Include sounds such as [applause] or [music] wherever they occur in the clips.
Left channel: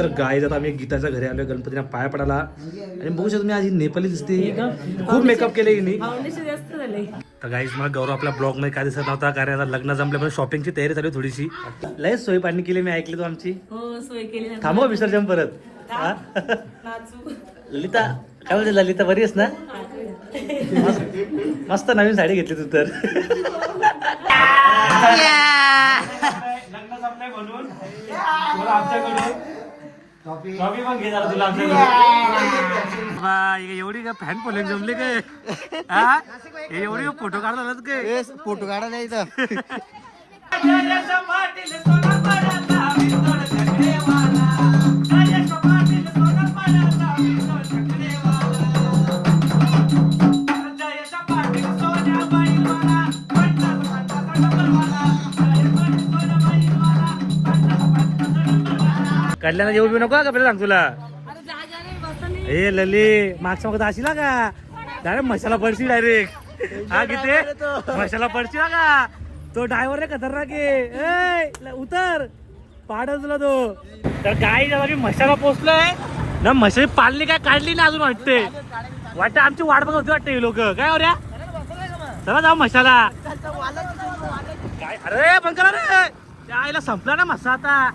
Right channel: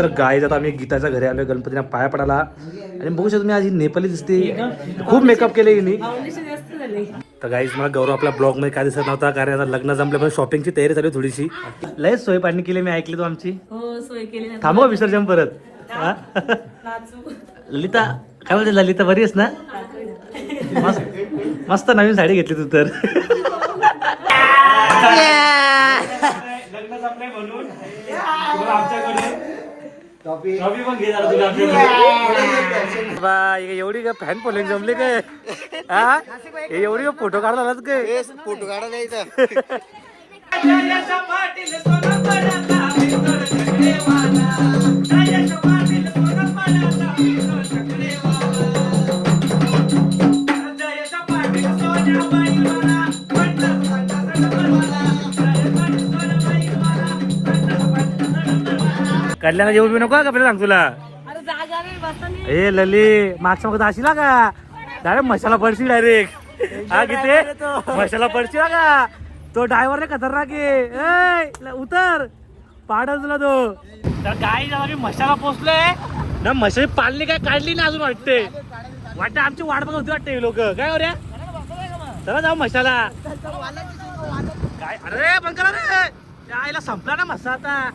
तर गाय आता आम्ही गीताच्या घरी आलोय गणपतीला पाया पडायला. आणि बघू शकतो तुम्ही आज नेपाली दिसते. खूप मेकअप केले हिने. झाले. तर गाईज मला गौरव आपल्या ब्लॉगमध्ये काय दिसत नव्हता? कारण आता लग्न जमल्यामुळे शॉपिंगची तयारी चालू आहे थोडीशी. लय सोय पाणी केली मी ऐकली तो आमची. हो सोय केली ना. थांबवा विसर्जन परत. ललिता काय म्हणते ललिता बरी आहेस ना? मस्त मस्त नवीन साडी घेतली तू तर. लग्न जमलंय म्हणून. तुम्हाला आमच्याकडे ट्रॉफी पण घे जरा तुला आमच्याकडे. बा, हे एवढी का फॅन फॉलोइंग जमले काय हा? हे एवढी फोटो काढला काय फोटो काढा जायचा कल्याणला येऊ बी नको का? आपल्याला सांग तुला. ए लली मागच्या मग अशी का? डायरेक्ट मसाला पडशी डायरेक्ट. हा किती मसाला पडशी का? तो ड्रायव्हर रे खतरनाक आहे. उतर. पाडच तुला तो. तर गाई जेव्हा मशाला पोचलोय. ना म्हशी पाडली काय काढली ना अजून वाटते. वाटतं आमची वाट बघत होती वाटते लोक. काय हो ऱ्या चला जाऊ मशाला काय? अरे पण करा रे. त्या आईला संपला ना मसा आता.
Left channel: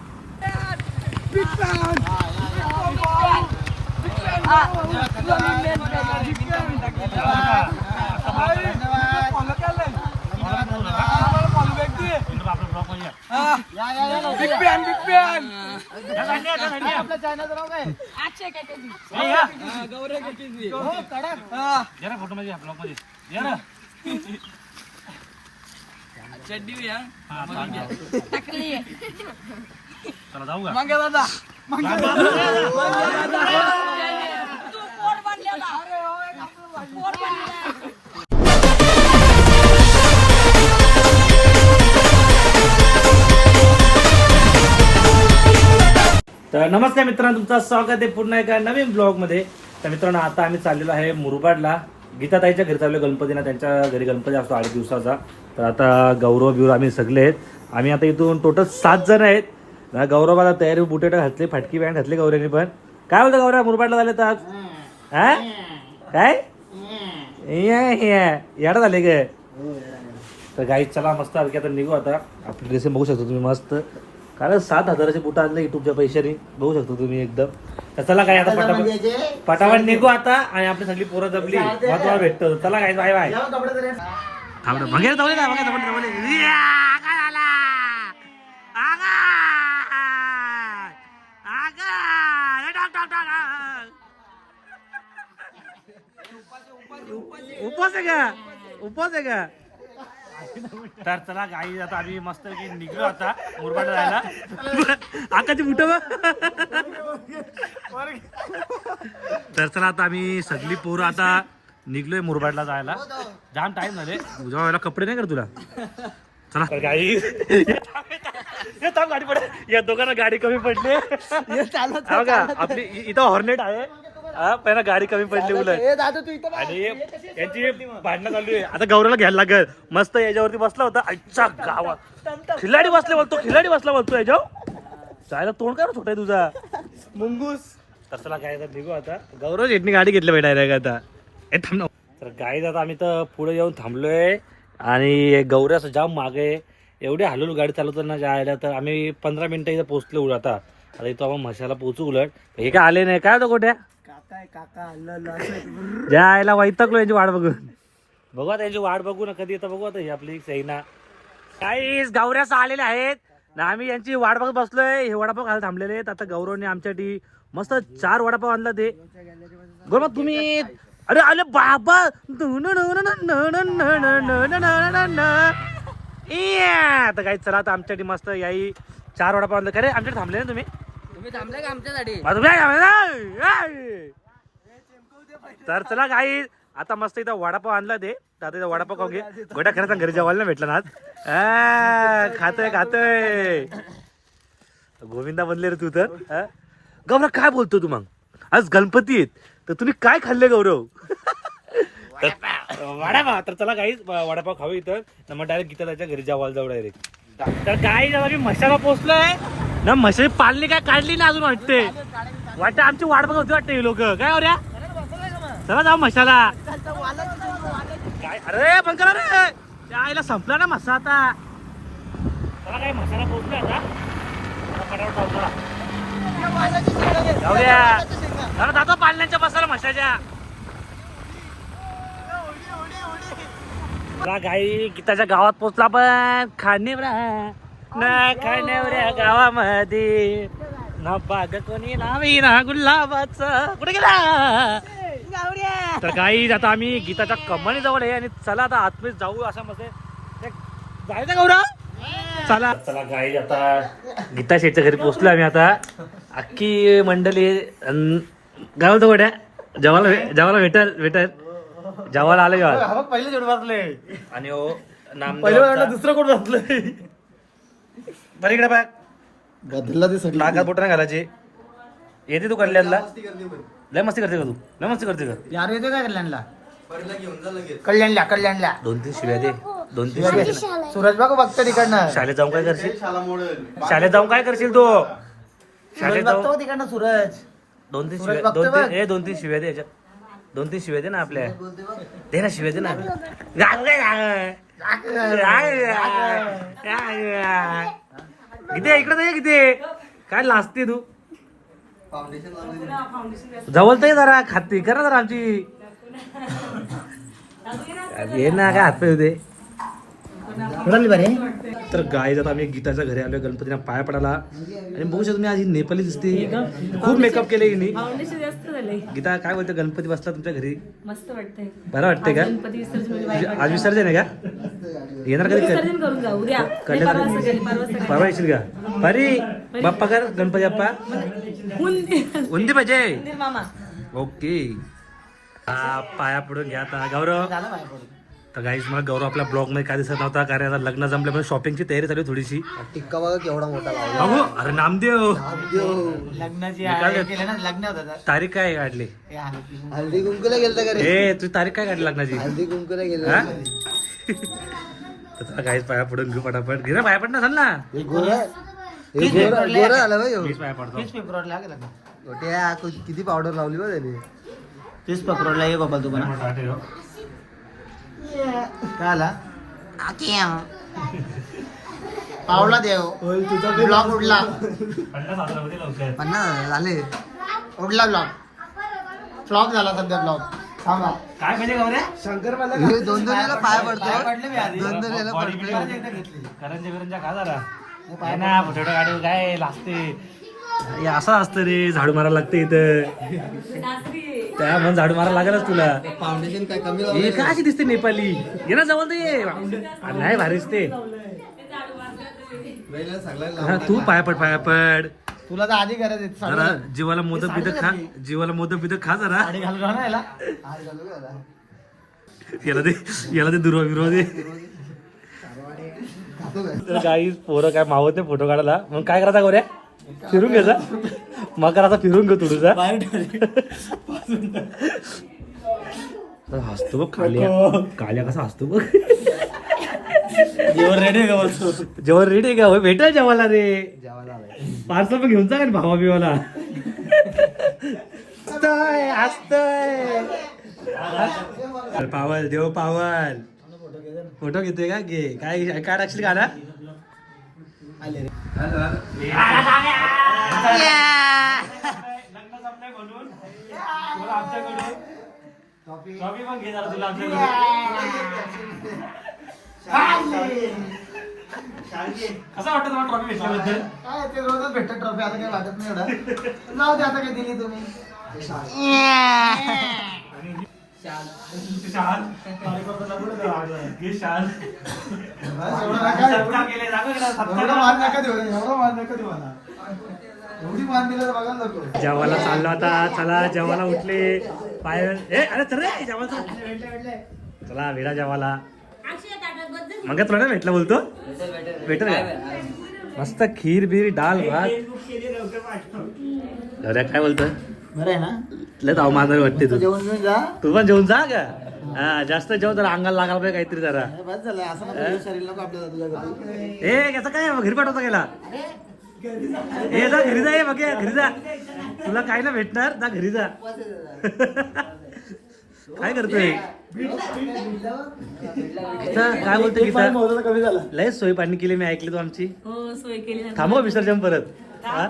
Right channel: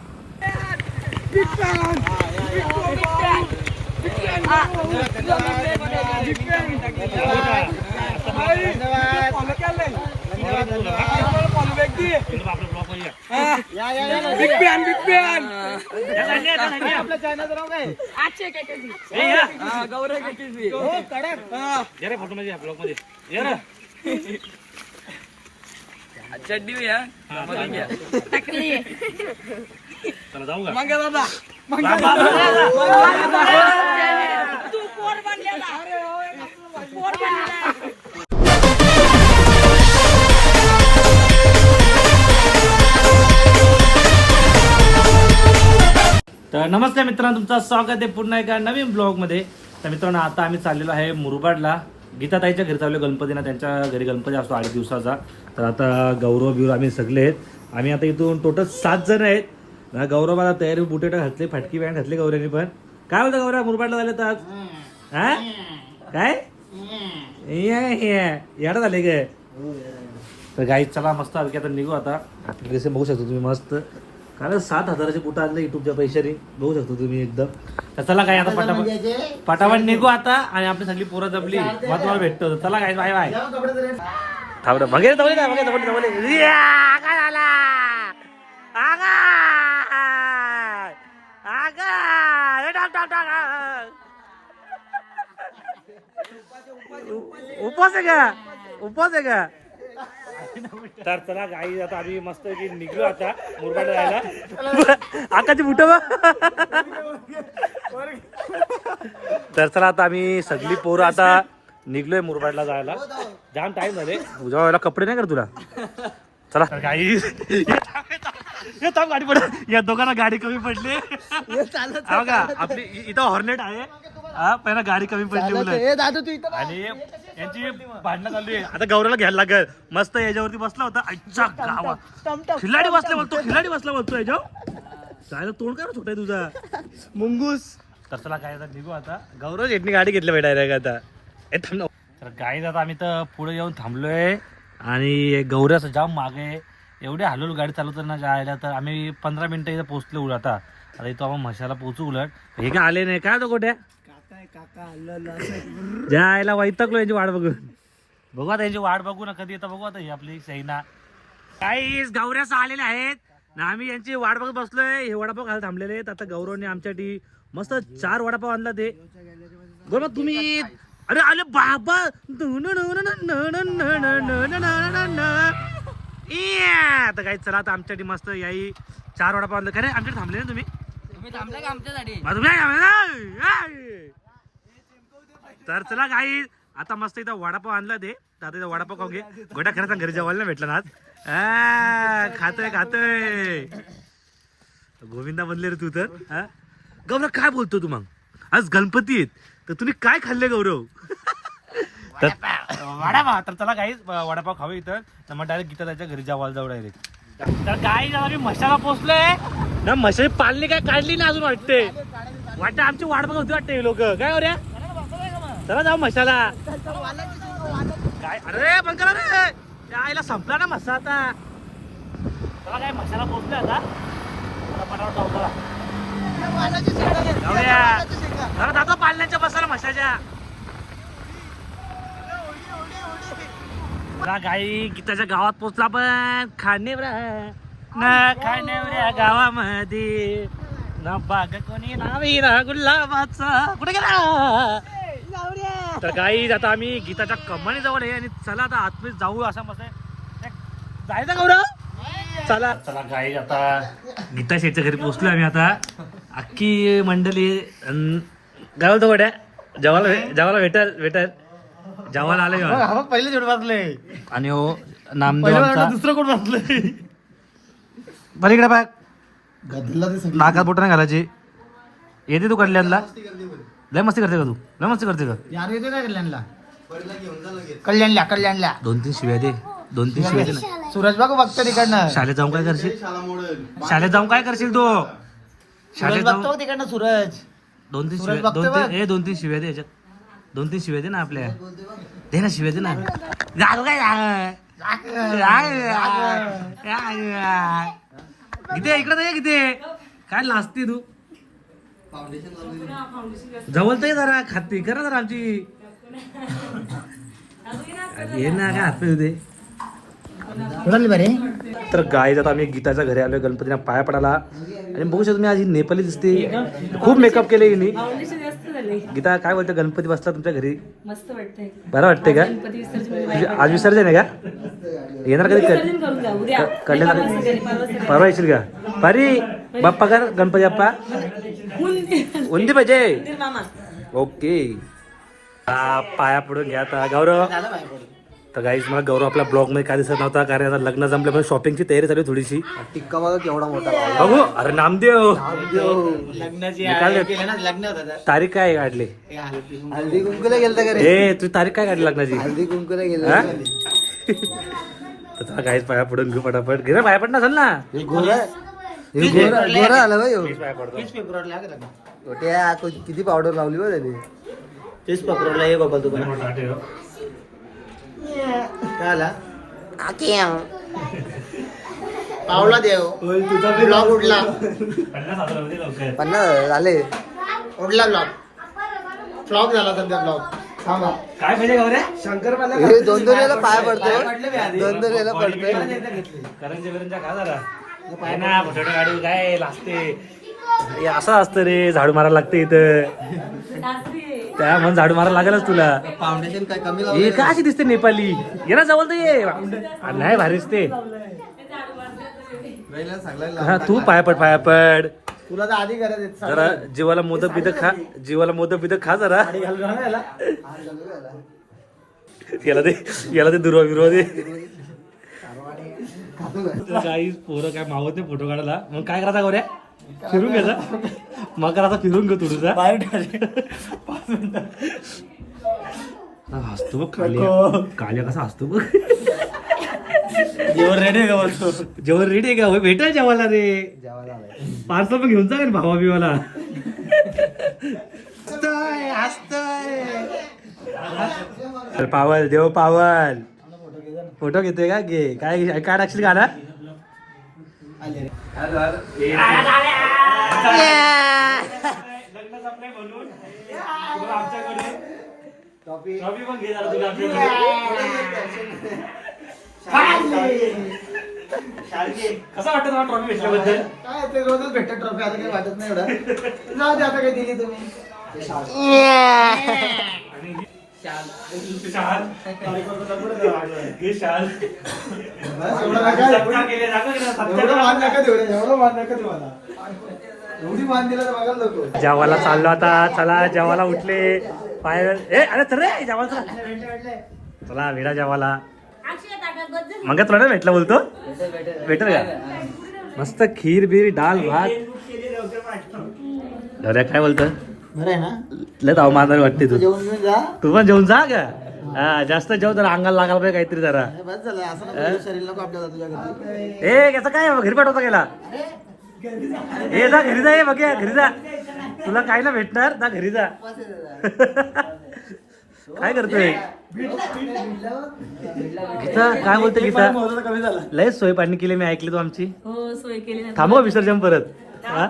आजचे काय काय ए, या. या रे फोटो मध्ये या ब्लॉगमध्ये या ना टाकली चला जाऊ का तू पोर बनलेला पोर बनलेला तर नमस्कार मित्रांनो तुमचं स्वागत आहे पुन्हा एका नवीन ब्लॉगमध्ये तर मित्रांनो आता आम्ही चाललेलो आहे मुरबाडला गीताताईच्या घरी चाललो गणपतीना त्यांच्या घरी गणपती असतो आठ दिवसाचा तर आता गौरव बिवर आम्ही सगळे आहेत आम्ही आता इथून टोटल सात जण आहेत ना गौरवाला तयारी बुटेट घातली फाटकी पॅन्ट घातली गौरवने पण. काय बोलतं गौरव मुरबाडला झाले तर आज हा? काय? याडा झाले काय तर गाई चला मस्त आली आता निघू आता. ड्रेसिंग बघू शकतो तुम्ही मस्त. कारण सात हजाराचे बुट आणले युट्यूबच्या पैशाने. बघू शकतो तुम्ही एकदम. तर चला काय आता पटापट पटापट निघू आता आणि आपली सगळी पोरं जमली. मग तुम्हाला भेटतो. चला काय बाय बाय थांबडं जवळ काय वगैरे जवळ जवळ या, काय झाला? टाक, टाक, टाक. उपवास आहे का? उपवास आहे का? तर चला गाई आता आम्ही मस्त की निघलो आता मुरबाड जायला. आकाची बुट तर चला आता आम्ही सगळी पोरं आता निघलोय मुरबाडला जायला. जाम टाइम झाले. वेळेला कपडे नाही कर तुला. चला. गाई [laughs] हे थांब गाडी पड या दोघांना गाडी कमी पडली. हा का? आपली इ- इथं हॉर्नेट आहे. हा पहिला गाडी कमी पडली उलट. दादू तू इथं आणि यांची भांडणं चालू आहे. आता गौरवला घ्यायला लागेल. मस्त याच्यावरती बसला होता. आजच्या गावा. खिलाडी बसला बोलतो खिलाडी बसला बोलतो याच्यावर. जायला तोंड काय छोटा तुझा? मुंगूस. तर चला काय आता निघू आता. गौरव शेटनी गाडी घेतली पाहिजे डायरेक्ट आता. ए, थांब ना. तर गाई आता आम्ही तर पुढे येऊन थांबलोय. आणि गौऱ्याचं जाम मागे एवढे हलवून गाडी चालवताना जायला तर आम्ही पंधरा मिनिटं इथं पोहोचलो उलट आता आता इथं आपण म्हशाला पोहोचू उलट हे काय आले नाही काय होतं कुठे जायला वैतकलो यांची वाट बघून बघू आता यांची वाट बघू ना कधी येतं बघू आता ही आपली सैना काही गावऱ्यास आलेले आहेत ना आम्ही यांची वाट बघत बसलोय हे वडापाव खायला थांबलेले आहेत आता गौरवने आमच्यासाठी मस्त चार वडापाव आणलं ते बरोबर तुम्ही अरे आले बाबा काही चला आता आमच्यासाठी मस्त याई चार वडापाव आणलं. का रे आमच्याकडे थांबले ना तुम्ही? तुम्ही थांबले का आमच्यासाठी? तर चला काही आता मस्त इथं वडापाव आणला ते. आता इथं वडापाव खाऊ घे. गोट्या खरं सांग घरी जेवायला नाही भेटला ना आज. खातोय खातोय. गोविंदा बनले रे तू तर? गौरव काय बोलतो तू मग? आज गणपती आहेत. तर तुम्ही काय खाल्ले गौरव? तर वडापाव. तर चला काही वडापाव खाऊ इथं. तर मग डायरेक्ट गीता त्याच्या घरी जावाल जाऊ डायरेक्ट तर काय जेव्हा की मशाला पोहोचलोय ना म्हशी पाळली काय काढली ना अजून वाटते वाटते आमची वाट बघत होती वाटते लोक. काय हो रे? चला जाऊ मशाला. काय? अरे पण करा रे त्या आईला संपला ना मसा आता. चला काय म्हशाला पोचले आता. फटाफट जाऊ बोला. जाऊ द्या. जरा जातो पाळण्याच्या त्या गाई गीताच्या गावात पोचला पण खाण्यावऱ्या ना खाण्यावऱ्या गावामध्ये. ना बाग कोणी नावी ना गुलाबाचा. कुठे गेला? तर गाई आता आम्ही गीताच्या कमानी जवळ आहे आणि चला आता आतमध्ये जाऊ असं मस्त आहे. जायचं गौरव चला. चला गाई आता गीता शेठच्या घरी पोहोचलो आम्ही आता. अख्खी मंडळी गाव तो गड्या जेवायला जेवायला भेटल भेटल. जेवायला आलं जेव्हा पहिले जोड बसले आणि हो नामदेव दुसरं कोण बसले पलीकडे बाय गदला ते सगळं. नाकात बोट नाही घालायची. येते तू कल्याणला? लय मस्ती करते का तू? लय मस्ती करते का? यार येते का कल्याणला? कल्याणला कल्याणला. दोन तीन शिव्या दे. दोन तीन शिव्या दे ना. सूरज बाबू बघतो तिकडनं. शाळेत जाऊन काय करशील? शाळेत जाऊन काय करशील तू? शाळेत सूरज जाऊन बघतो तिकडनं सूरज. दोन तीन सूरज शिव्या बघतोय दोन तीन बघ. ए दोन तीन शिव्या दे याच्यात. दोन तीन शिव्या दे ना आपल्या. दे ना शिव्या दे ना. गाल काय किती इकडे ये किती काय लाजते तू? जवळ तर जरा खाती. करा जरा आमची. ये ना काय हात पाहिजे बरे तर गाय आता आम्ही गीताच्या घरी आलोय गणपतीला पाया पडायला. आणि बघू शकतो तुम्ही आज नेपाली दिसते. खूप मेकअप केले हिने. झालंय. गीता काय बोलते? गणपती बसला तुमच्या घरी? मस्त वाटतंय. बरं वाटतंय का? आज विसर्जन आहे का? येणार कधी? कल्याण- परवा येशील का? पारी बाप्पा कर गणपती बाप्पा? उंदी. पाहिजे. ओके. पाया पडून घ्या आता. गौरव. तर गाईज मला गौरव आपल्या ब्लॉगमध्ये काय दिसत नव्हता? कारण आता लग्न जमल्यामुळे शॉपिंगची तयारी चालू आहे थोडीशी. टिक्का बघा केवढा मोठा बघू अरे नामदेव. लग्नाची निकाल- केलं ना लग्न होतं तारीख काय काढली? हल्दी कुंकूला गेलं का ए तुझी तारीख काय काढली लग्नाची? हल्दी कुंकूला गेलं हा? [laughs] तर चला गाईज पाया पडून घेऊ पटापट. घे ना पाया पडणार असेल ना. आलं बाई हीच पाया पडतो. छोट्या किती पावडर लावली बरं ते तीस फेब्रुवारीला ये बाबा तू आला पावला देव. ब्लॉग उडला. पन्नास झाले. उडला ब्लॉग. फ्लॉप झाला सध्या ब्लॉग. थांबा. काय गौऱ्या हे दोन दोन वेळेला पाय पडतो. दोन दोन वेळेला पडतोय. करंजा करंजा खा जरा. ना छोट्या गाडी काय लागते हे असं असतं रे झाडू मारायला लागते इथं. त्या म्हणून झाडू मारायला लागेलच तुला. फाउंडेशन काय कमी हे का अशी दिसते नेपाली? ये ना जवळ तर ये. नाही भारी दिसते हा तू पाया पड पाया पड तुला तर आधी गरज आहे जरा जीवाला मोदक बिदक खा जीवाला मोदक बिदक खा जरा. घालून याला ते याला ते दुर्वा बिर्वा दे. काही पोरं काय मावत नाही फोटो काढायला. मग काय करायचा गोऱ्या? फिरून घ्यायचा मग करायचा फिरून घेऊ तुझा हसतो बघ काल्या. काल्या कसा हसतो बघ. जेवण रेडी का बोलतो? जेवण रेडी आहे का? भेटाय जेवायला रे. पार्सल पण घेऊन जा का भावा बिवाला. हसतोय पावल देव पावल. फोटो घेतोय का? घे. काय काय टाकशील गाणं कसं वाटत तुम्हाला ट्रॉफी भेटल्याबद्दल काय ते रोजच भेटत ट्रॉफी आता काही वाटत नाही एवढं. जाऊ दे आता काही दिली तुम्ही. एवढं मान नका देऊ रे, एवढं मान नका देऊ मला. एवढी मान दिलं तर बघायला नको. जेवायला चाललो आता चला जेवायला उठले. पाय ए अरे चल रे जेवायला चला. चला वेळा जेवायला. मग तुला नाही भेटला बोलतो? भेटेल का मस्त खीर बीर डाल भात. काय बोलतो बरं आहे ना? लय ताव मांजर वाटते तू जेवण घेऊन जा. तू पण जेवून जा का? हा जास्त जेव जरा अंगाला लागायला पाहिजे काहीतरी जरा. बस झालं असं नको शरीर नको आपल्या जातीच्या घरी. ए याचा काय घरी पाठवता गेला. ए जा घरी जा ये बघ घरी जा. तुला काय ना भेटणार जा घरी जा. [laughs] काय करतोय? गीता काय बोलते गीता? लय सोय पाणी केली मी ऐकली तू आमची. हो सोय केली ना थांबव विसर्जन परत. हा?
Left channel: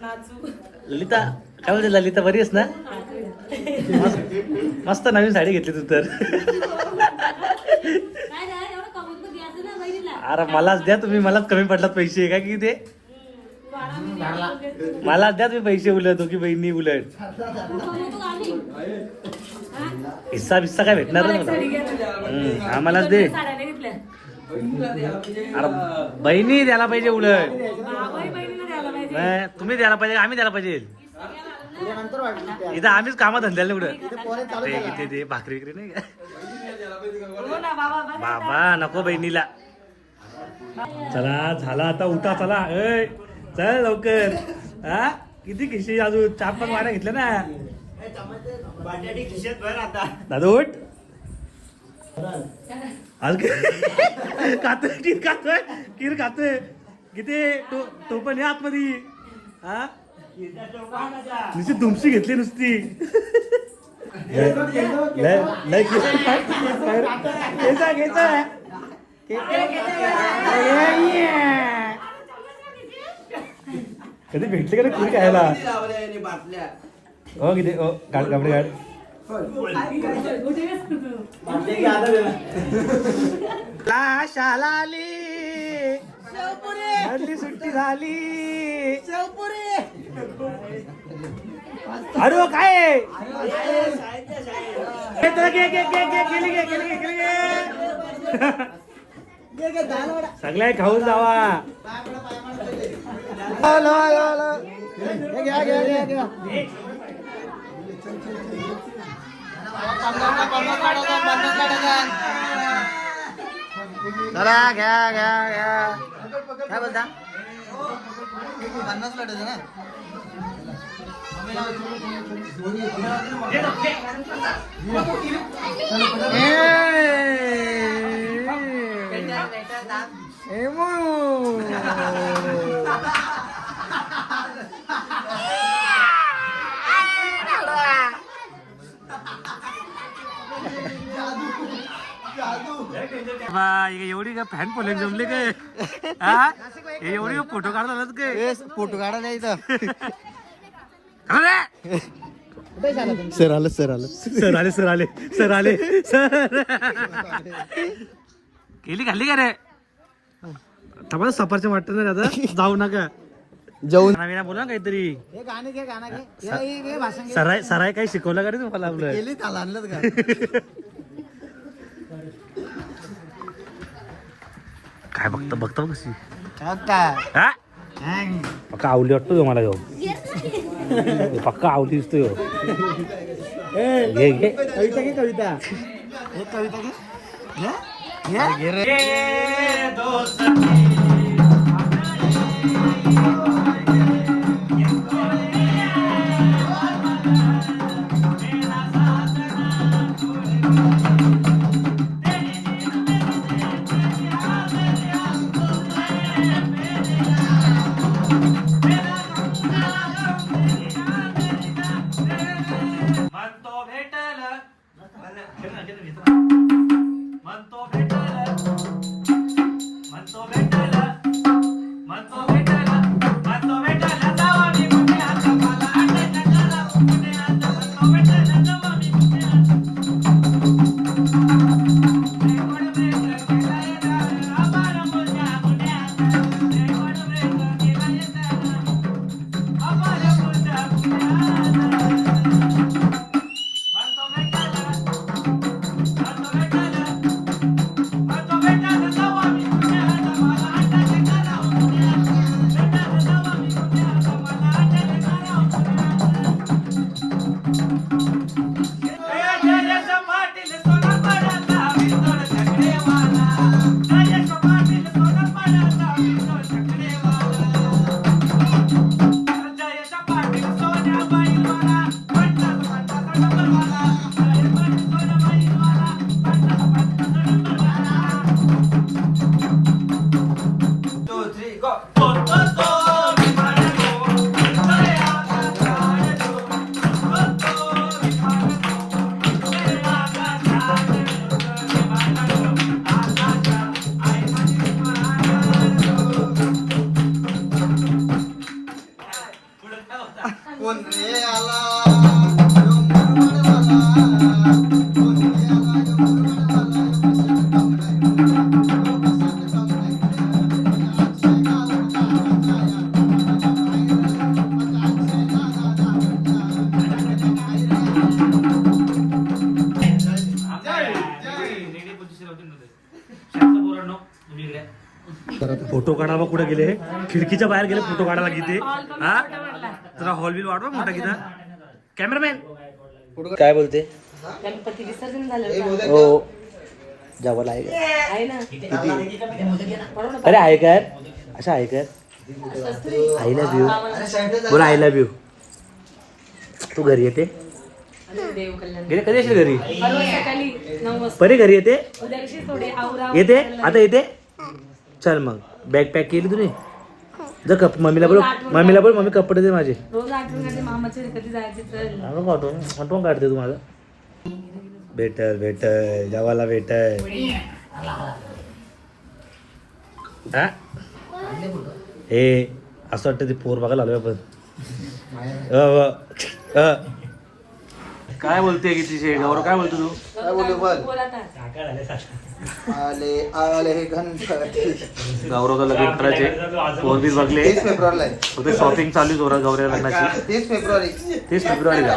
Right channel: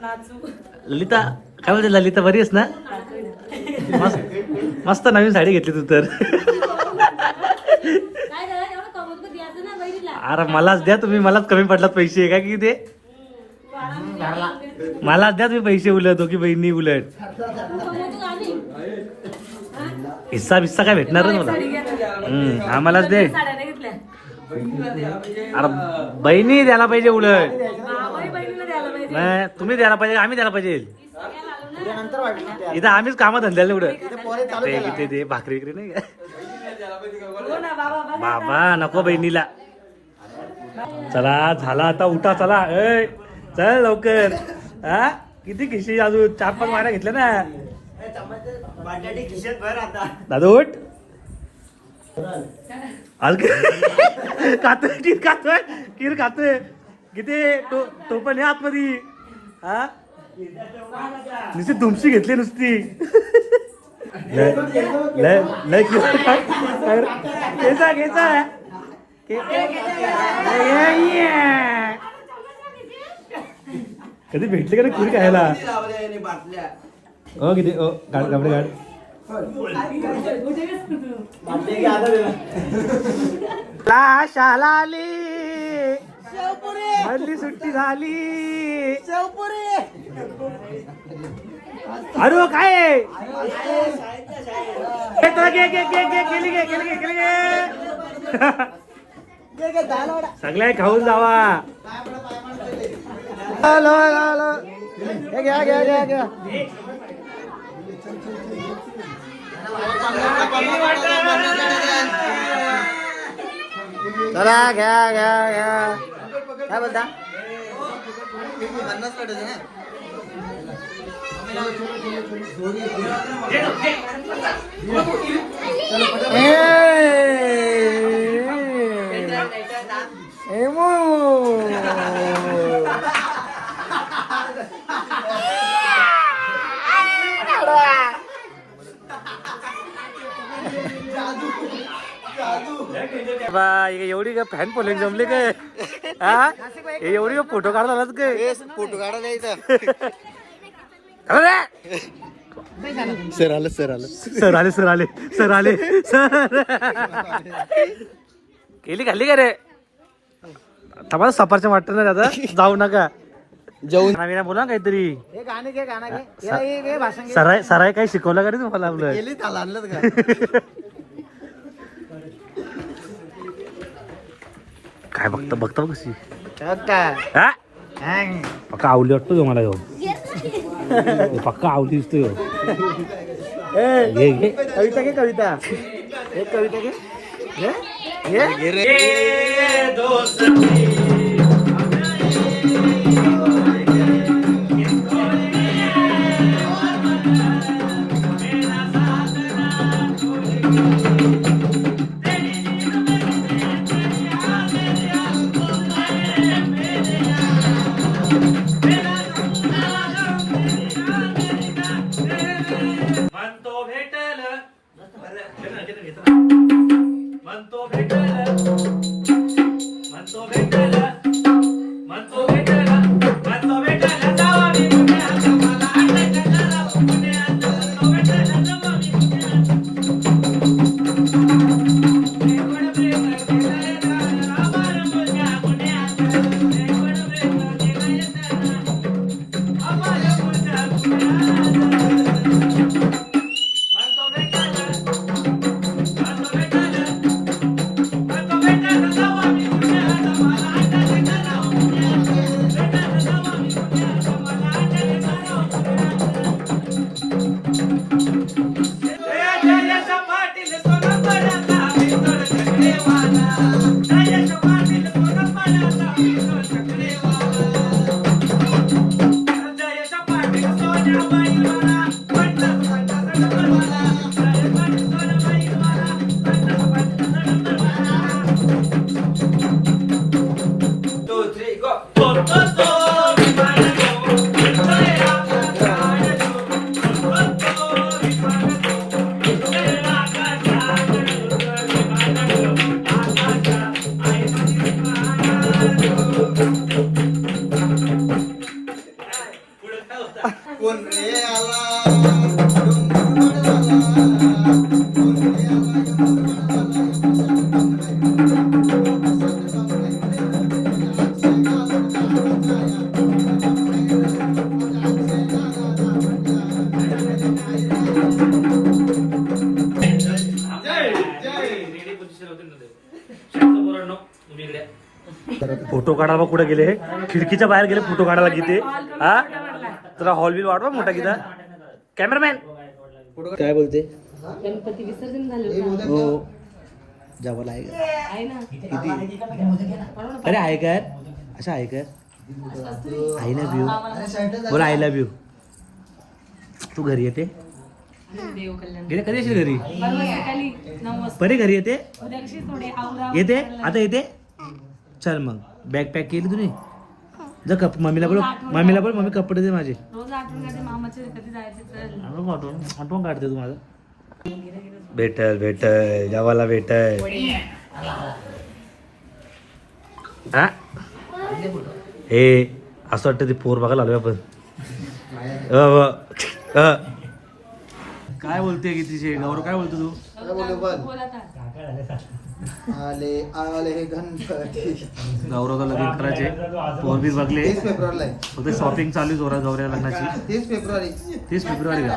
नाचू. ललिता काय बोलते ललिता? बरी आहेस ना? मस्त मस्त नवीन साडी घेतली तू तर. काय रे एवढं कमवून तर द्यायचं ना बहिणीला. अरे मलाच द्या तुम्ही. मलाच कमी पडलात पैसे. काय की ते? मलाच द्या तुम्ही पैसे उलट. दोघी बहिणी उलट. कमवतो आम्ही हिस्सा बिस्सा काय भेटणार नाही मला. हम्म, आम्हालाच दे. अरे बहिणी द्यायला पाहिजे उलट. नाही, तुम्ही द्यायला पाहिजे आम्ही द्यायला पाहिजे. इथं आम्हीच कामात धंद्याला एवढं. ते किती ते भाकरी विक्री नाही बाबा नको बहिणीला. चला झाला आता उठा चला. ऐ चल लवकर. हा? किती खिशी अजून? चार पाच माऱ्या घेतल्या ना. दादा उठ. खातोय टीर खातोय टीर खातोय किती? तो तो पण हे आतमध्ये. हा? नुसती दुमशी घेतली नुसती. लय लय लय घ्यायचा घ्यायचा कधी भेटले का पुरी खायला? हो किती हो शाला आली सुट्टी झाली. अरे काय आहे? ए, तुला घे, घे, घे, घे, गेली घे, गेली घे, गेली घे. सगळे खाऊन जावा. चला घ्या घ्या घ्या. काय बोलता? बा हे एवढी का फॅन फॉलोइंग जमले काय हा हे एवढी का फोटो काढता आलात काय फोटो काढायला इथं अरे! सर आलं सर आलं. सर आले सर आले सर आले सर. केली खाल्ली का रे? थांबा सफरच्या वाटत नाही दादा जाऊ नका. जाऊन नवीन बोला ना काहीतरी. हे हे- हे सराय सराय काही शिकवलं का रे तुम्हाला आपलं? काय बघता बघता कशी? हा. पक्का आवली वाटतो का मला घेऊन पक्का आवली दिसतोय ह्यो. ए, घे घे कविता घे कविता हे कविता घे घे? म्हणतो भेटल. म्हणतो भेटल म्हणतो भेटल. खिडकीच्या बाहेर गेले फोटो काढायला किती हा? तुला हॉल बिल वाढवा मोठा किती? कॅमेरामॅन काय बोलते? गणपती विसर्जन झालं का? हो. जावं आहे अरे आहे काय अशा आहे काय आय लव्ह यू बोला आय लव्ह यू तू घरी येते? आणि देव कल्याण गेले कधी येशील घरी परी घरी येते? येते? आता येते? चल मग. बॅग पॅक केली तुम्ही जर कप मम्मीला बोल मम्मीला बोल मम्मी कपडे दे माझे. रोज आठवण काढते मामाचे कधी जायचे चल आठवण काढतो आठवण काढते तुम्हाला. भेटल भेटल जेवायला भेटल. हा हे असं वाटतं ते पोर बघायला आलो आपण. काय बोलते की तिचे? गौरव काय बोलतो तू? काय बोलू बोल? बोल आता. आले आले हे गणपती गौरवचा लग्न करायचे. पोर बी बघले तीस फेब्रुवारीला आहे. फक्त शॉपिंग चालू जोरात गौऱ्या लग्नाची. तीस फेब्रुवारी. तीस फेब्रुवारीला.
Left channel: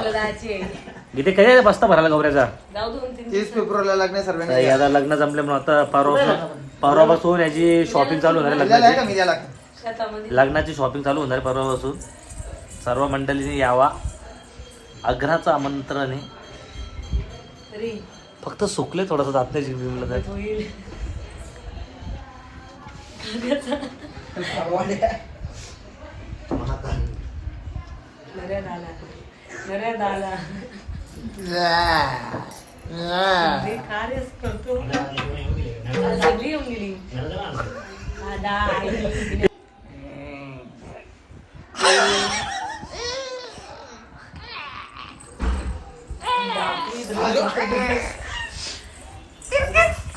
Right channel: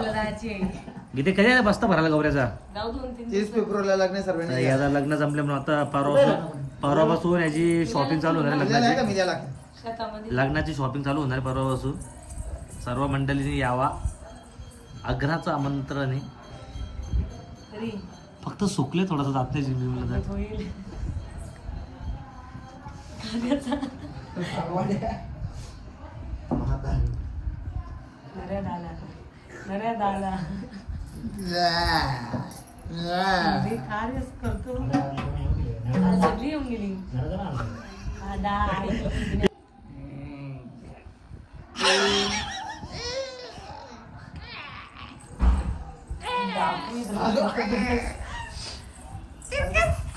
इथे काय बसता भरायला गौऱ्याचा? जाऊ दोन तीन तीस फेब्रुवारीला लग्न तर सर्वांनी याला लग्न जमले म्हणून आता परवा परवापासून याची शॉपिंग चालू होणार आहे दिलेलं आहे का लग्नाची? मी द्यायला शेतामध्ये. लग्नाची शॉपिंग चालू होणार आहे परवापासून. सर्व मंडळींनी यावा. आग्रहाचं आमंत्रण आहे. तरी. फक्त सुकले थोडासा जात नाही जिंकलं तर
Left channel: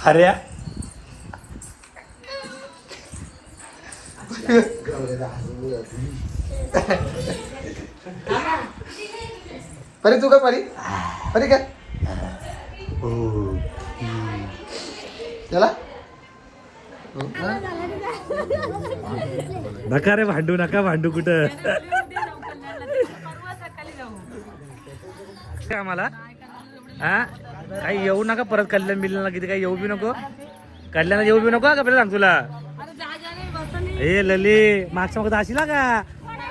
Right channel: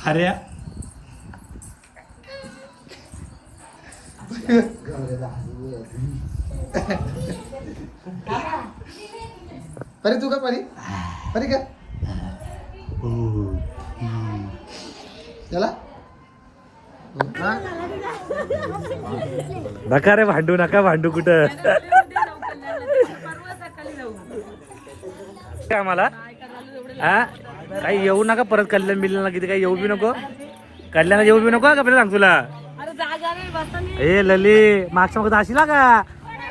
अरे परी तू का परी? परी काय चला. नका रे भांडू नका भांडू कुठं? काय आम्हाला? हा? काही येऊ नका परत कल्याण बिल्याला किती काही येऊ बी नको. कल्याणला येऊ बी नको का आपल्याला सांग तुला? ए लली मागच्या मग जाशील का?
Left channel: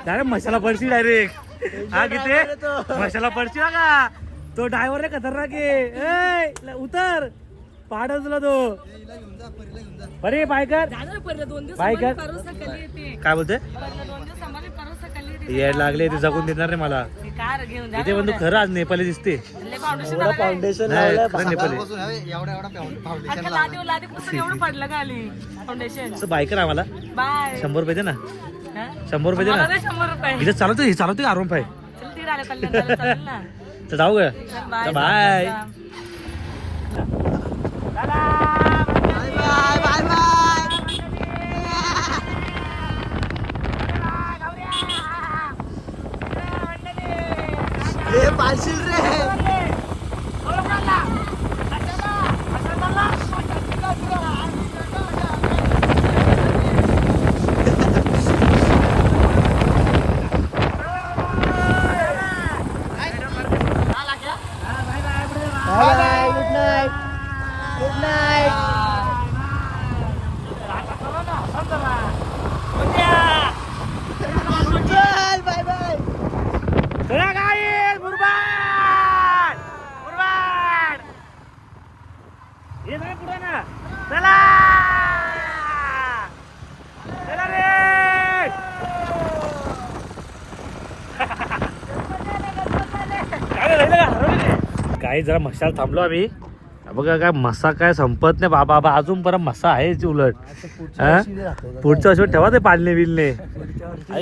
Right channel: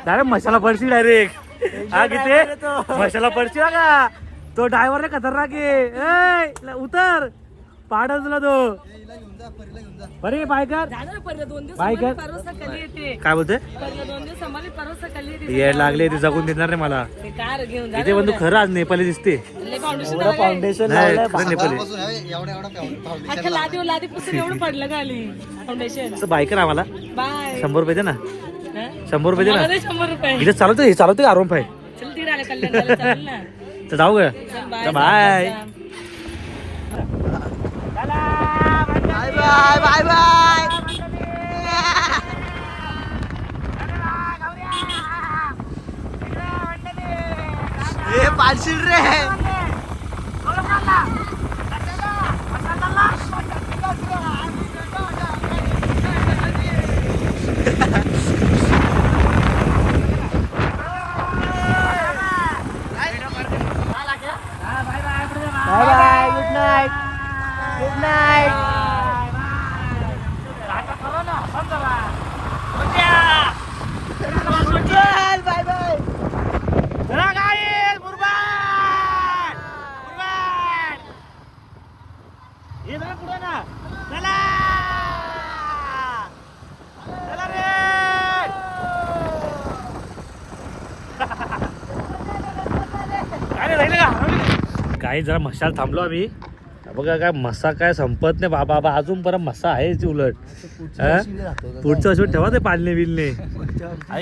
डायरेक्ट मसाला पडशी डायरेक्ट. हा किती मसाला पडशी का? तो ड्रायव्हर खतरनाक आहे. उतर. पाडा तुला तो बरे बायकर? जागा रे पहिलं दोन दिवस बाय सांभाळली, कर. परवा सकाळी येते. काय बोलते पहिलं दोन दिवस सांभाळली परवा सकाळी येते. ये लागले तू जगून देणार रे मला. ते कार घेऊन जा इथे पण तू खरं आज नेपाली दिसते. लय फाउंडेशन झालं काय नाही खरं नेपाली. एवढा एवढा फाउंडेशन अख्खा लादी लादी पुस्तक एवढं पडलं का आली? फाउंडेशन असं बायकर आम्हाला? बाय. शंभर रुपये दे ना. हा? शंभर रुपये दे मला ना. दे शंभर रुपये. इथे चालवते हे चालवते आरोम पाय? चल ती राहिले कल्याण झालं चालेल ना तर जाऊ ग. चल bye bye. Bye bye bye bye ए, पाडशील रे. काही जरा मशाल थांबलो आम्ही. बघा काय मसा काय संपत नाही. बाबा बाबा अजून परत मसा आहे उलट? पुढच्या वर्षी ठेवा ते पालने बिलने.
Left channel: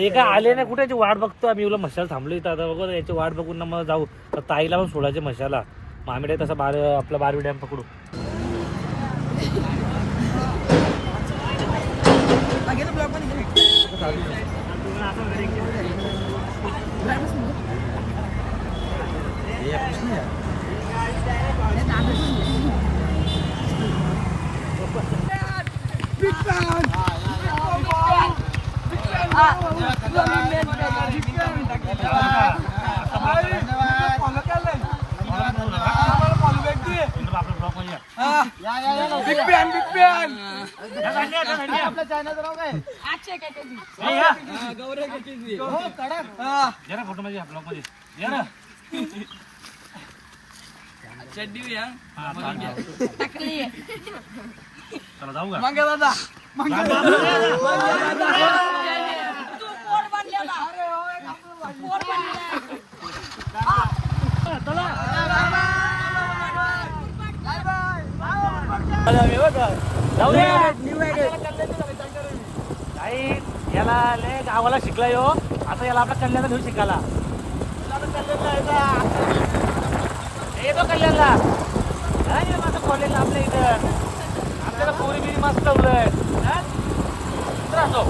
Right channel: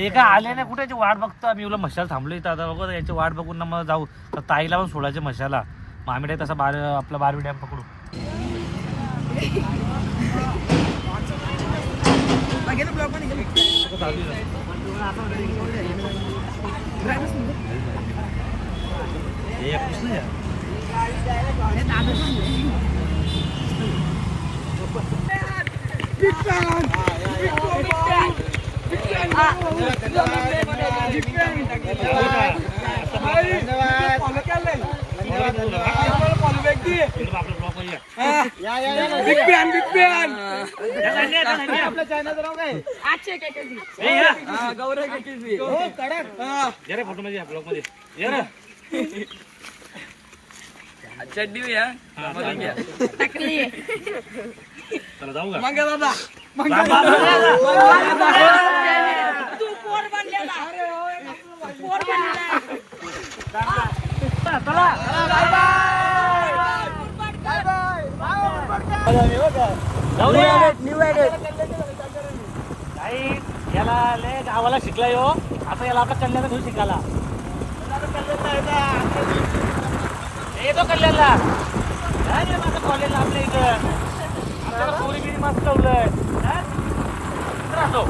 काय आले नाही? कुठे वाट बघतो आम्ही. उलट मशाल थांबलो इथं. आता बघा याची वाट बघून ना मग जाऊ. तर ताईला पण सोडायचे मशाला. मग आम्ही तसा बार आपला बारवी डॅम पकडू. कृष्ण या. आपलं ब्लॉगमध्ये या. हे या. या रे फोटो मध्ये या ब्लॉगमध्ये या ना चला जाऊ का जाऊ दे. काही याला लय गावाला शिकला यो आता याला आपल्या कल्याणला घेऊन शिकायला येतो कल्याणला. काय नाही माझं कॉलेजला आपल्या इथं. आपल्याला पोरी बिरी मस्त ठेवलंय? इकडं असो.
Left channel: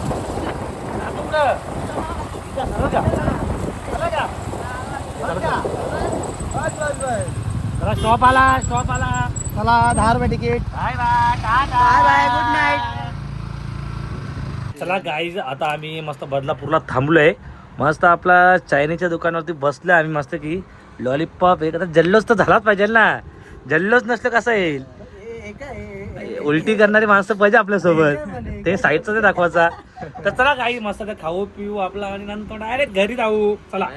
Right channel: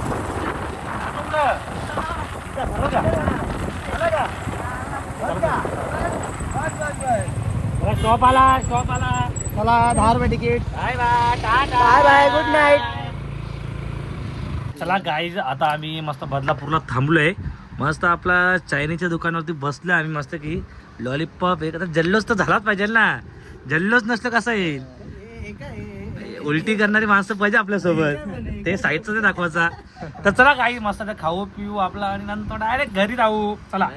स्टॉप आला स्टॉप आला चला दहा रुपये ticket bye bye bye bye good night चला गाईज आता आम्ही मस्त बदलापूरला थांबलोय. मस्त आपला चायनीच्या दुकानावरती बसलोय आम्ही मस्त की. लॉलीपॉप एक आता जल्लोष तर झालाच पाहिजे ना. जल्लोष नसलं कसं येईल? उलटी करणारी माणसं पाहिजे आपल्यासोबत. ते साहित्य दाखवायचा. तर चला काही मस्त ते खाऊ पिऊ आपला आणि नंतर डायरेक्ट घरी जाऊ. चला.